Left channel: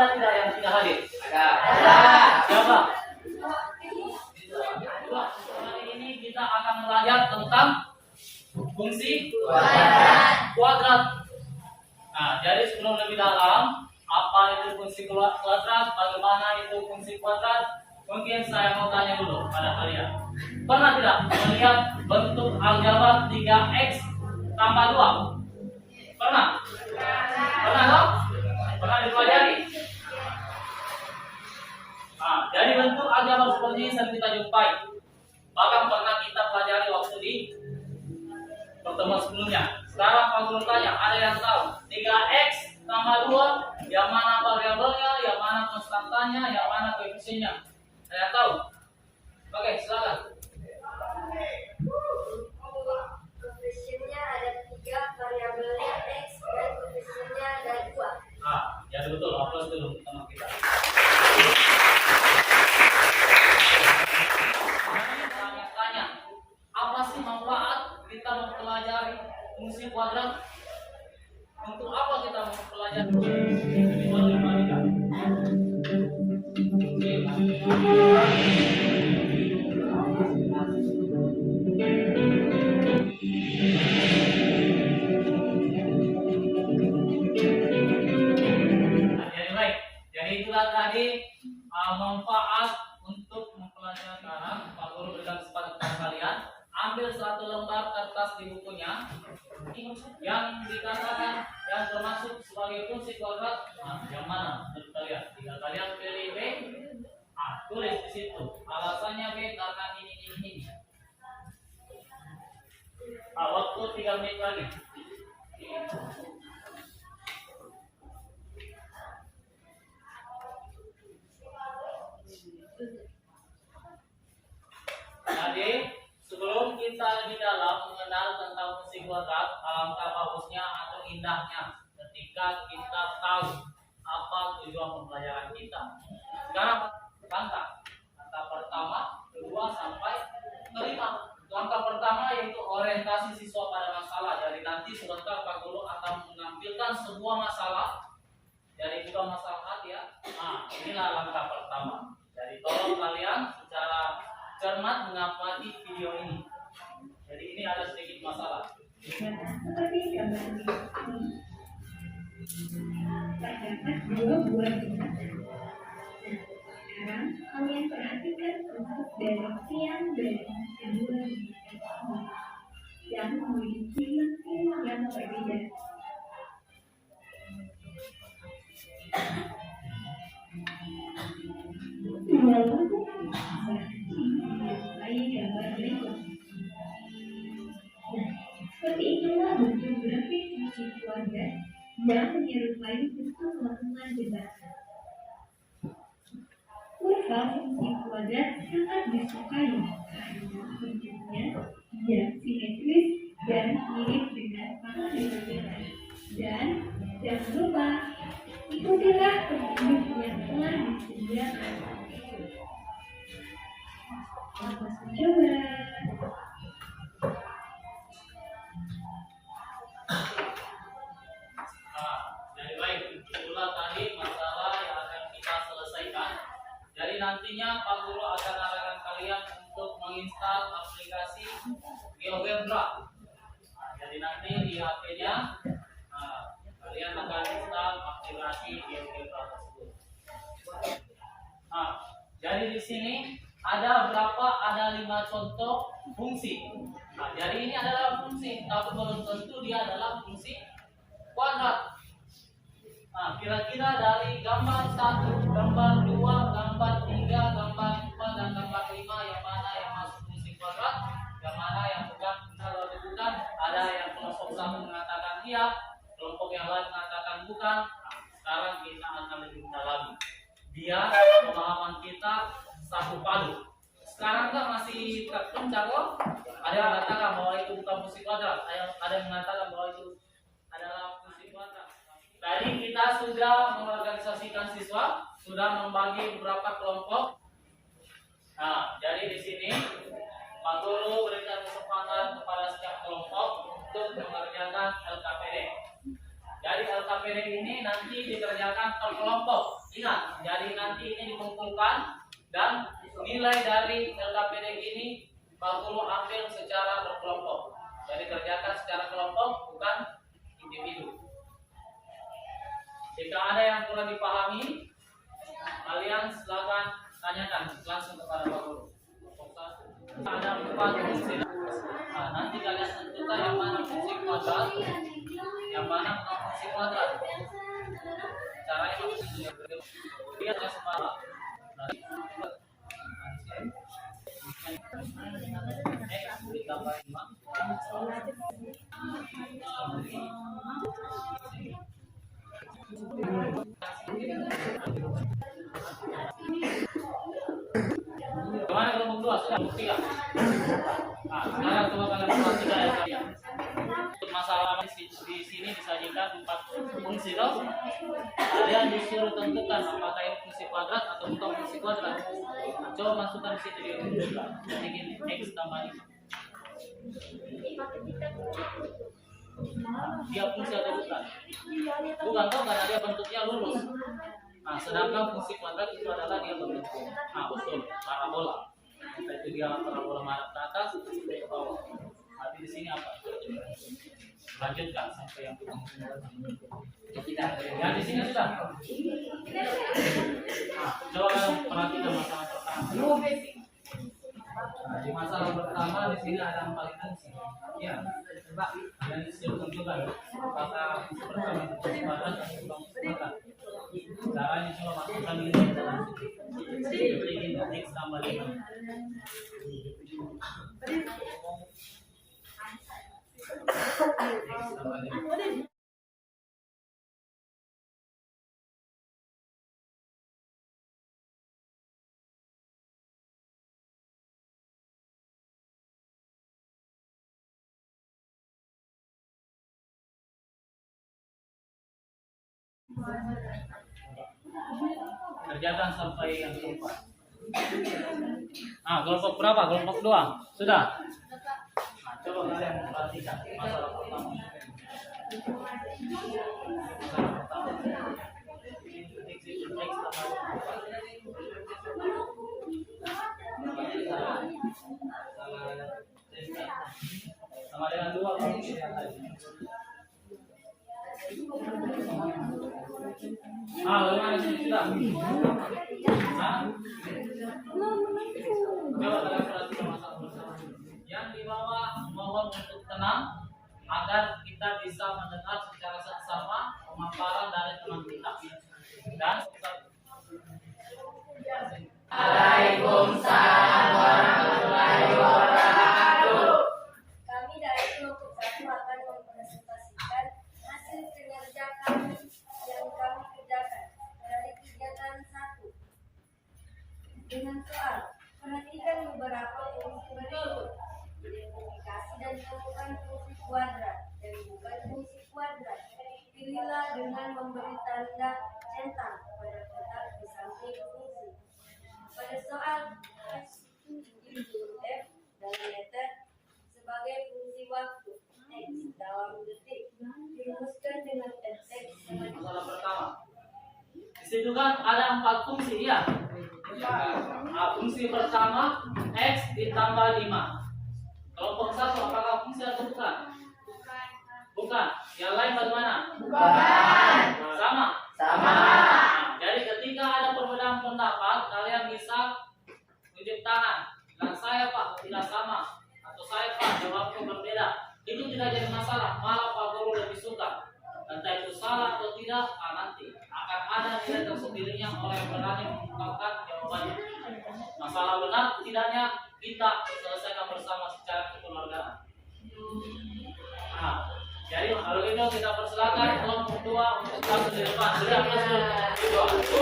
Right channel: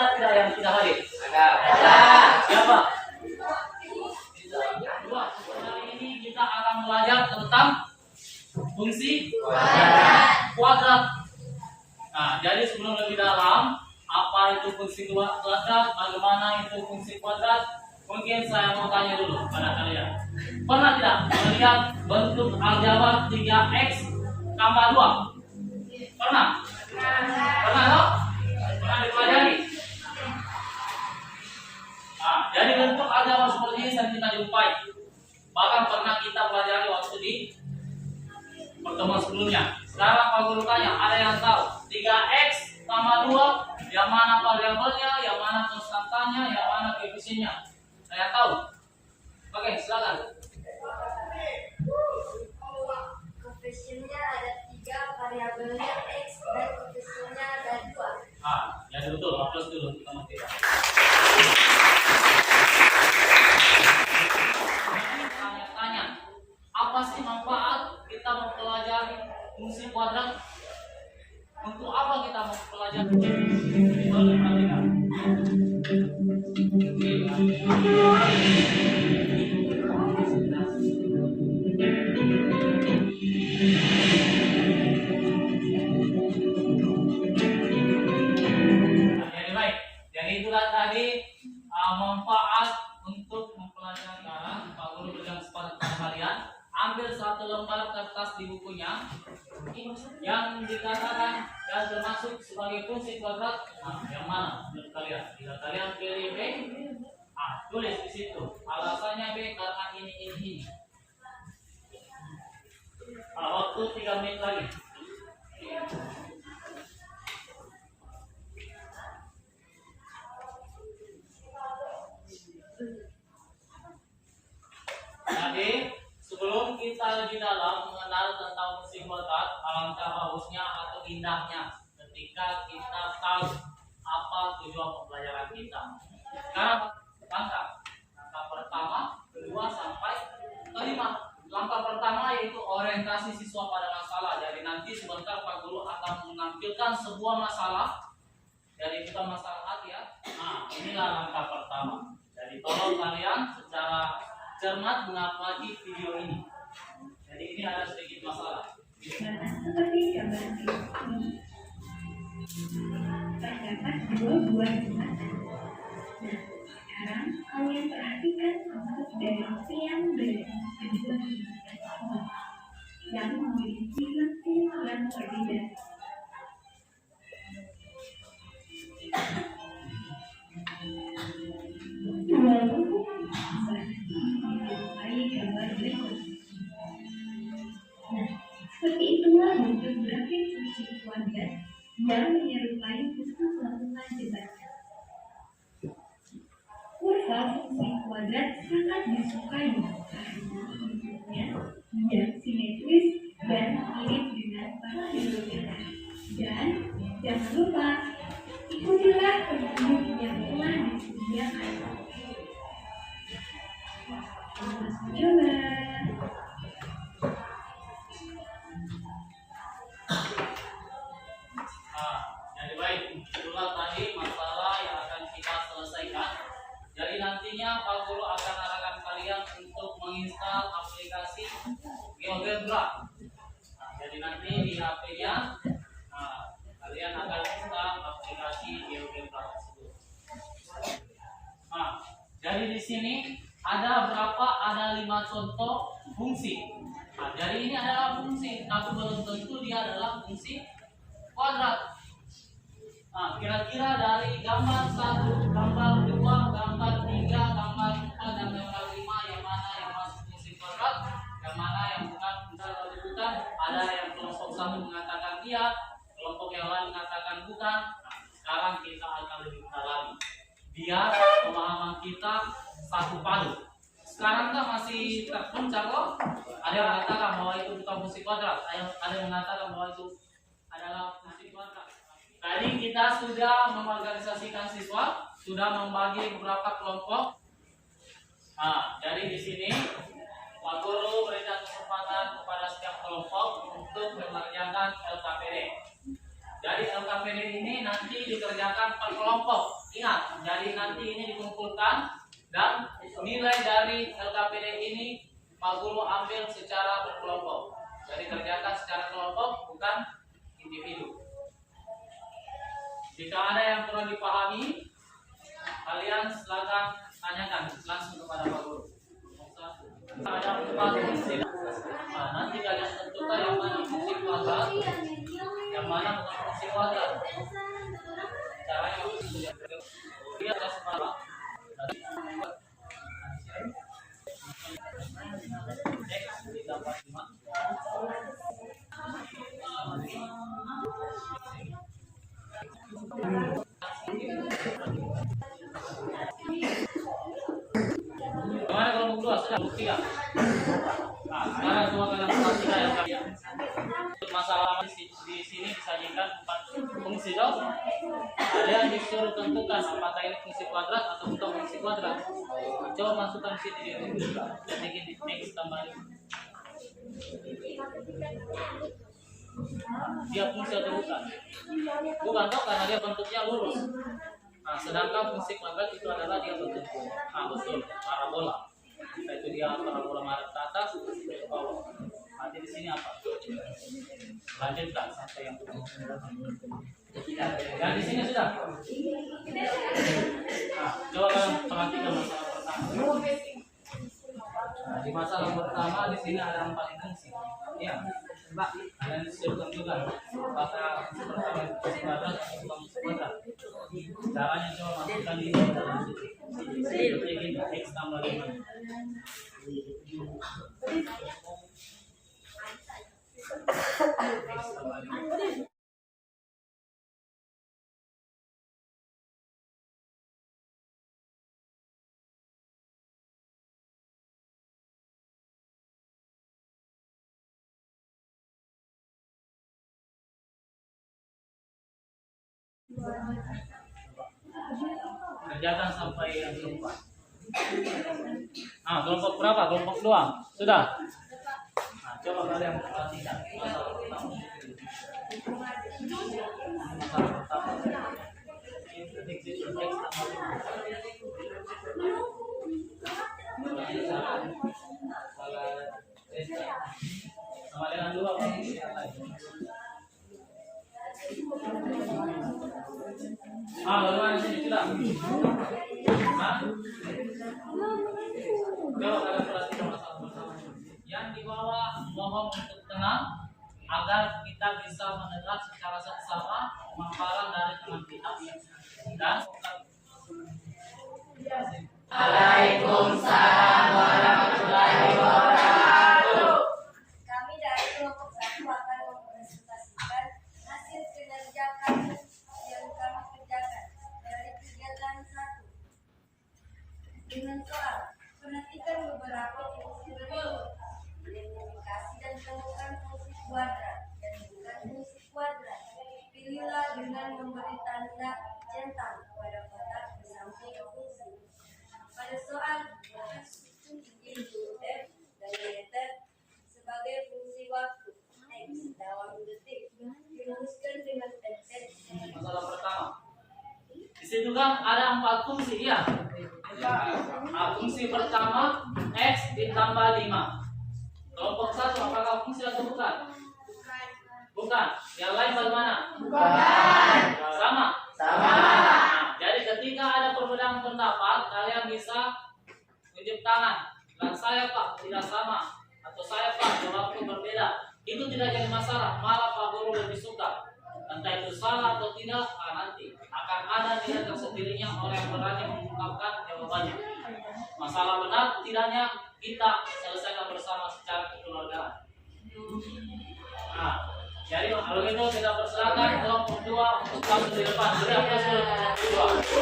Ada tidak yang tidak hadir? Ada. Siapa? Dua. Kali ini kita akan belajar tentang fungsi kuadrat. Nah, jadi sebelum lebih dalam, apa itu fungsi kuadrat, bagaimana itu fungsi kuadrat, mungkin saya mau tanya dulu pada kalian. Pernah tidak melihat bentuk aljabar 3x tambah 2? Pernah? Pernah dong? Pernah dipelajari? Nah, jadi bentuk aljabar seperti ini sering kita jumpai. Bahkan pernah kita pelajari waktu di pertemuan sebelumnya. Sekarang Pak Guru tanya, ada yang tahu 3x tambah 2, yang mana variabelnya, yang mana konstantanya, yang mana koefisiennya? Ada yang tahu? Oke, silakan. Koefisiennya ada 3, variabelnya x, dan koefisiennya ada 2. Ya betul, aplaus dulu sama kita. Tanya-tanya, apa sih manfaat kita mempelajari fungsi kuadrat? Untuk apa kita mempelajari? Jadi itulah tadi manfaat untuk mempelajari. Pak Guru berikan kesempatan kepada kalian, ambil satu lembar kertas di bukunya yang dikatakan dan termasuk sebagai fungsi kuadrat. Yang mana menurut kalian? Jika kalian pilih B, tulis di situ. Alasannya B karena ini. Waktu 3 menit lagi. Jadi sebelum kita lebih dalam mengenal tentang fungsi kuadrat, alangkah bagusnya atau indahnya ketika kita tahu apa tujuan pembelajaran kita. Sekarang langkah pertama, kedua sampai kelima. Langkah pertama yaitu orientasi siswa pada masalah. Jadi nanti sebentar Pak Guru akan menampilkan sebuah masalah. Jadi bukan masalah hati ya. Inilah langkah pertama. Jadi tolong kalian secara cermat mengamati video ini. Jadi ini ada sedikit masalah. Seperti gambar ini, terdapat 2 buah binatang. Nah, sekarang kalian perhatikan bentuk dari tiang dari kedua binatang ini yang memiliki lengan yang berbeda. Gambar berikut. Nah, seperti itulah bentuk grafik fungsi kuadrat yang menyerupai bentuk lengkungan jembatan. Kurva fungsi kuadrat sangat disukai karena bentuknya yang simetris dan mirip dengan paralelogram. Dan jangan lupa ikutilah petunjuk yang telah disediakan. Selamat mencoba. Jadi baik, itulah tadi masalah yang akan kita selesaikan. Jadi nantinya Pak Guru akan arahkan kalian untuk menginstal aplikasi GeoGebra. Jadi nanti di HP-nya kalian akan install aplikasi GeoGebra tersebut. Jadi di sini ada berapa? Ada 5 contoh fungsi. Jadi ini adalah fungsi, tapi belum tentu dia adalah fungsi kuadrat. Kira-kira dari gambar 1, gambar 2, gambar 3, gambar 4, dan gambar 5 yang mana yang masuk fungsi kuadrat, yang mana yang bukan? Misalnya bukan, ada yang kelompok 1 mengatakan iya, kelompok yang lain mengatakan bukan. Sekarang kita akan lebih mendalami biar pemahaman kita sapu padu. Sekarang kan masih terpencar loh. Ada yang mengatakan bahwa itu bukan fungsi kuadrat, ada yang mengatakan bahwa itu adalah fungsi kuadrat. Tadi kita sudah mengorganisasikan siswa, sudah membagi beberapa kelompok. Jadi di sini Pak Guru berikan kesempatan kepada setiap kelompok untuk mengerjakan LKPD. Jadi LKPD ini nanti dikerjakan per kelompok. Ingat, jadi nanti ini dikumpulkan dan nilai dari LKPD ini Pak Guru ambil secara berkelompok. Jadi kerjakan secara kelompok, bukan individu. Jika ada yang kurang dipahami, kalian silakan tanyakan langsung kepada Pak Guru. Ada 4 fungsi. Nah, nanti kalian tentukan yang mana fungsi kuadrat, yang mana bukan fungsi kuadrat. Caranya maksudnya dia adalah separah. Gimana kalau kedua sudah tiga? Nah, sekarang coba kalian perhatikan yang kalian. Masalah di sini disajikan 4 fungsi toh. Kalian disuruh tentukan apakah ini fungsi kuadrat atau bukan fungsi kuadrat. Nah, coba masukkan di situ dia. Jadi gini, x tambah 5. Nah, dia fungsi atau bukan? Bukan toh, karena dia bentuknya lurus. Nah, sedangkan fungsi kuadrat itu adalah dia bentuk betul, parabola. Entah itu dia parabola menghadap ke atas atau ke bawah. Nanti di sini apa? Lanjutkan sampai yang yang di sini sudah. Nah, coba kalian perhatikan masalah pertama. Nah, di masalah pertama di sini ada 4 fungsi. Ya, coba kalian disuruh tentukan apakah fungsi pertama fungsi kuadrat atau bukan fungsi kuadrat. Caranya coba masukkan ini ke dalam situ. Seperti ini, x tambah 5. X tambah 5. Kerjakan sampai yang keempat. Nah, kelompok berapa? Kelompok 2. Sudah. Nah, coba kalian perhatikan masalah pertama. Masalah pertama. X tambah 5. Sama dengan 2 kalau lihat lagi. Bagaimana sini sudah? Coba kalian perhatikan masalah pertama. Yang di bawah mohon untuk tenang agar kita bisa mendengar secara seksama pemaparan dari teman kita. Dan Waalaikumsalam warahmatullahi wabarakatuh. Kami dari kelompok 1 akan mempresentasikan hasil kinerja kami yang kami kerjakan dari kegiatan 1. Dengan soal, perhatikan beberapa fungsi berikut. Identifikasi dan temukan fungsi kuadrat dan bukan fungsi kuadrat. Pilihlah dengan memberi tanda centang pada kotak di samping fungsi. Pada soal, F dan meter sebagai fungsi waktu X dalam detik dirumuskan dengan teks masalah pertama. Di situ kan ada 4 fungsi ya. Nah, fungsi pertama X ditambah 5. Kelompok 1 apakah fungsi atau bukan? Bukan. Yang lain bagaimana? Bukan. Sama. Nah, jadi ketika ada perbedaan pendapat, kalian bisa tunjuk tangan. Dan saya Pak tidak sama, atau saya Pak jawabku berbeda. Itu tidak jadi masalah. Malah Pak Guru lebih suka. Entah itu salah atau tidak, nanti akan ada nilai tersendirinya orang yang berani mengungkapkan jawabannya. Masalah benar tidaknya kita selesaikan bersama secara kekeluargaan. Nah, jadi kalau gitu kita persilakan kelompok 2 untuk masuk di depan. Beri aplaus dulu kelompok 2.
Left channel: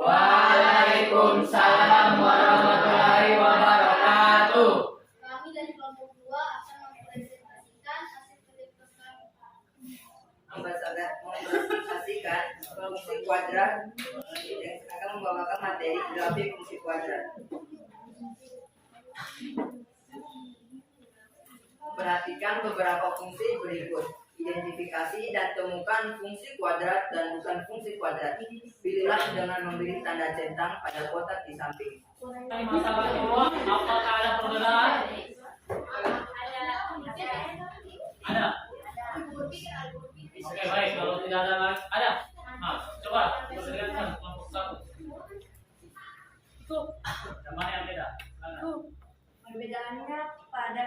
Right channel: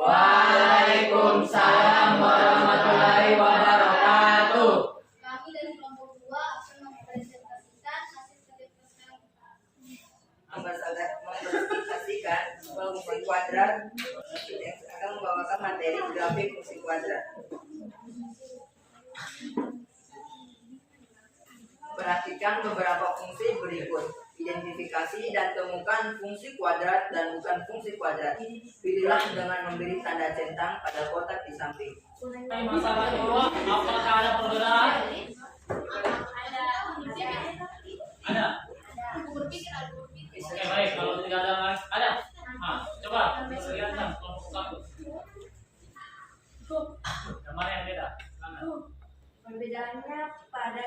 Waalaikumsalam warahmatullahi wabarakatuh. Kami dari kelompok 2 akan mempresentasikan hasil kerja kami. Mempresentasikan fungsi kuadrat yang akan membawakan materi grafik fungsi kuadrat. Perhatikan beberapa fungsi berikut. Identifikasi dan temukan fungsi kuadrat dan bukan fungsi kuadrat. Pilihlah dengan memberi tanda centang pada kotak di samping. Masalah kedua, apakah ada perbedaan? Ada. Oke, baik. Kalau tidak ada. Nah, coba perlihatkan kelompok satu. Yang mana yang beda? Mana? Perbedaannya pada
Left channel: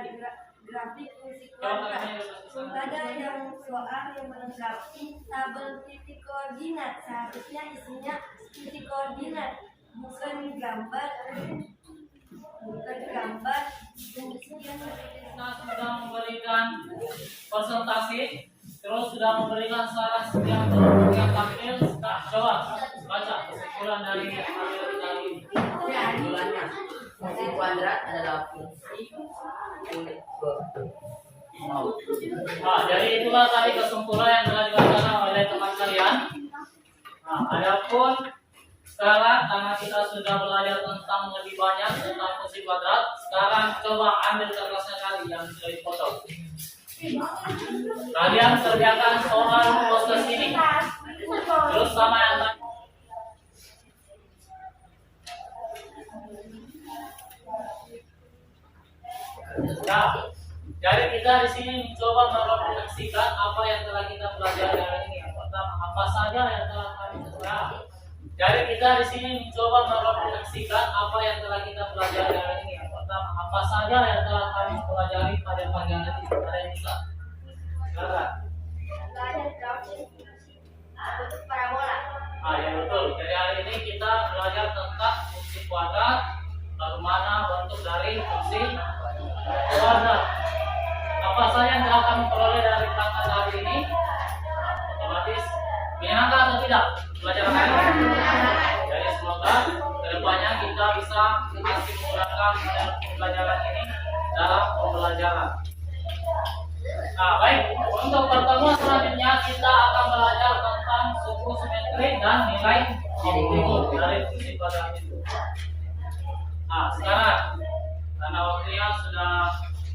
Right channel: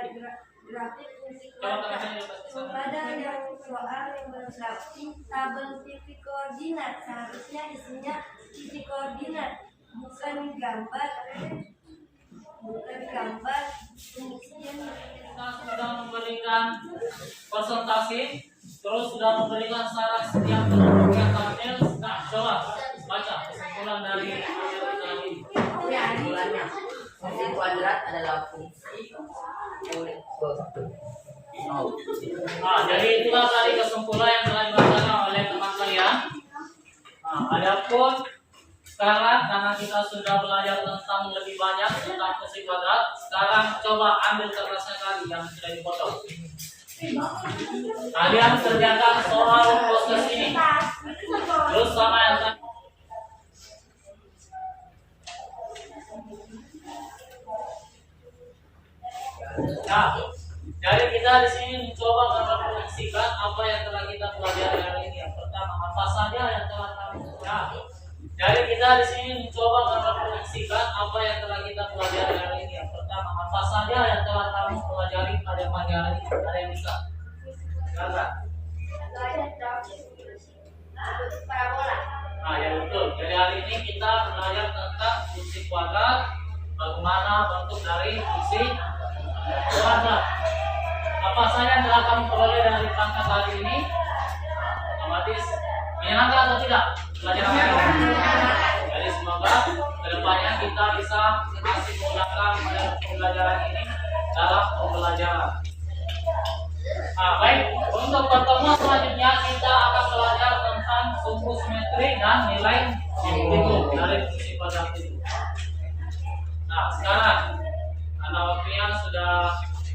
grafik fungsi Coba kuadrat. kalian coba ke sana. Ada yang soal yang melengkapi tabel titik koordinat, seharusnya isinya titik koordinat, bukan gambar fungsinya. Kita sudah memberikan presentasi, terus sudah memberikan saran yang kelompok yang tampil. Nah, coba baca kesimpulan dari hasil tadi. Kesimpulannya, fungsi kuadrat adalah fungsi unit nol. Nah, jadi itulah tadi kesimpulan yang telah dibacakan oleh teman kalian. Nah, adapun sekarang karena kita sudah belajar tentang lebih banyak tentang fungsi kuadrat, sekarang coba ambil kertasnya kali yang sudah dipotong. Kalian kerjakan soal proses ini. Terus sama yang tadi. Nah, jadi kita di sini mencoba merefleksikan apa yang telah kita pelajari hari ini. Yang pertama, apa saja yang telah kami pelajari. Jadi kita di sini mencoba merefleksikan apa yang telah kita pelajari hari ini. Yang pertama, apa saja yang telah kami pelajari pada pagi hari ini. Ada yang bisa? Silakan. Parabola. Ah, ya betul. Jadi hari ini kita belajar tentang fungsi kuadrat, bagaimana bentuk dari fungsi kuadrat. Apa saja yang telah kami peroleh dari pelajaran hari ini? Otomatis menyenangkan atau tidak pelajaran hari ini? Jadi semoga kedepannya kita bisa masih menggunakan pembelajaran ini dalam pembelajaran. Nah, baik. Untuk pertemuan selanjutnya kita akan belajar tentang suku simetri dan nilai optimum dari fungsi kuadrat itu. Nah, sekarang karena waktunya sudah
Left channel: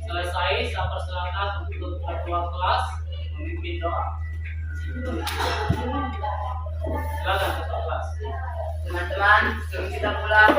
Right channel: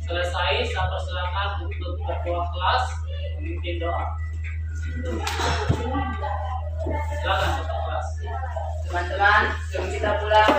selesai, saya persilakan untuk ketua kelas memimpin doa. Silakan ketua kelas. Teman-teman, sebelum kita pulang,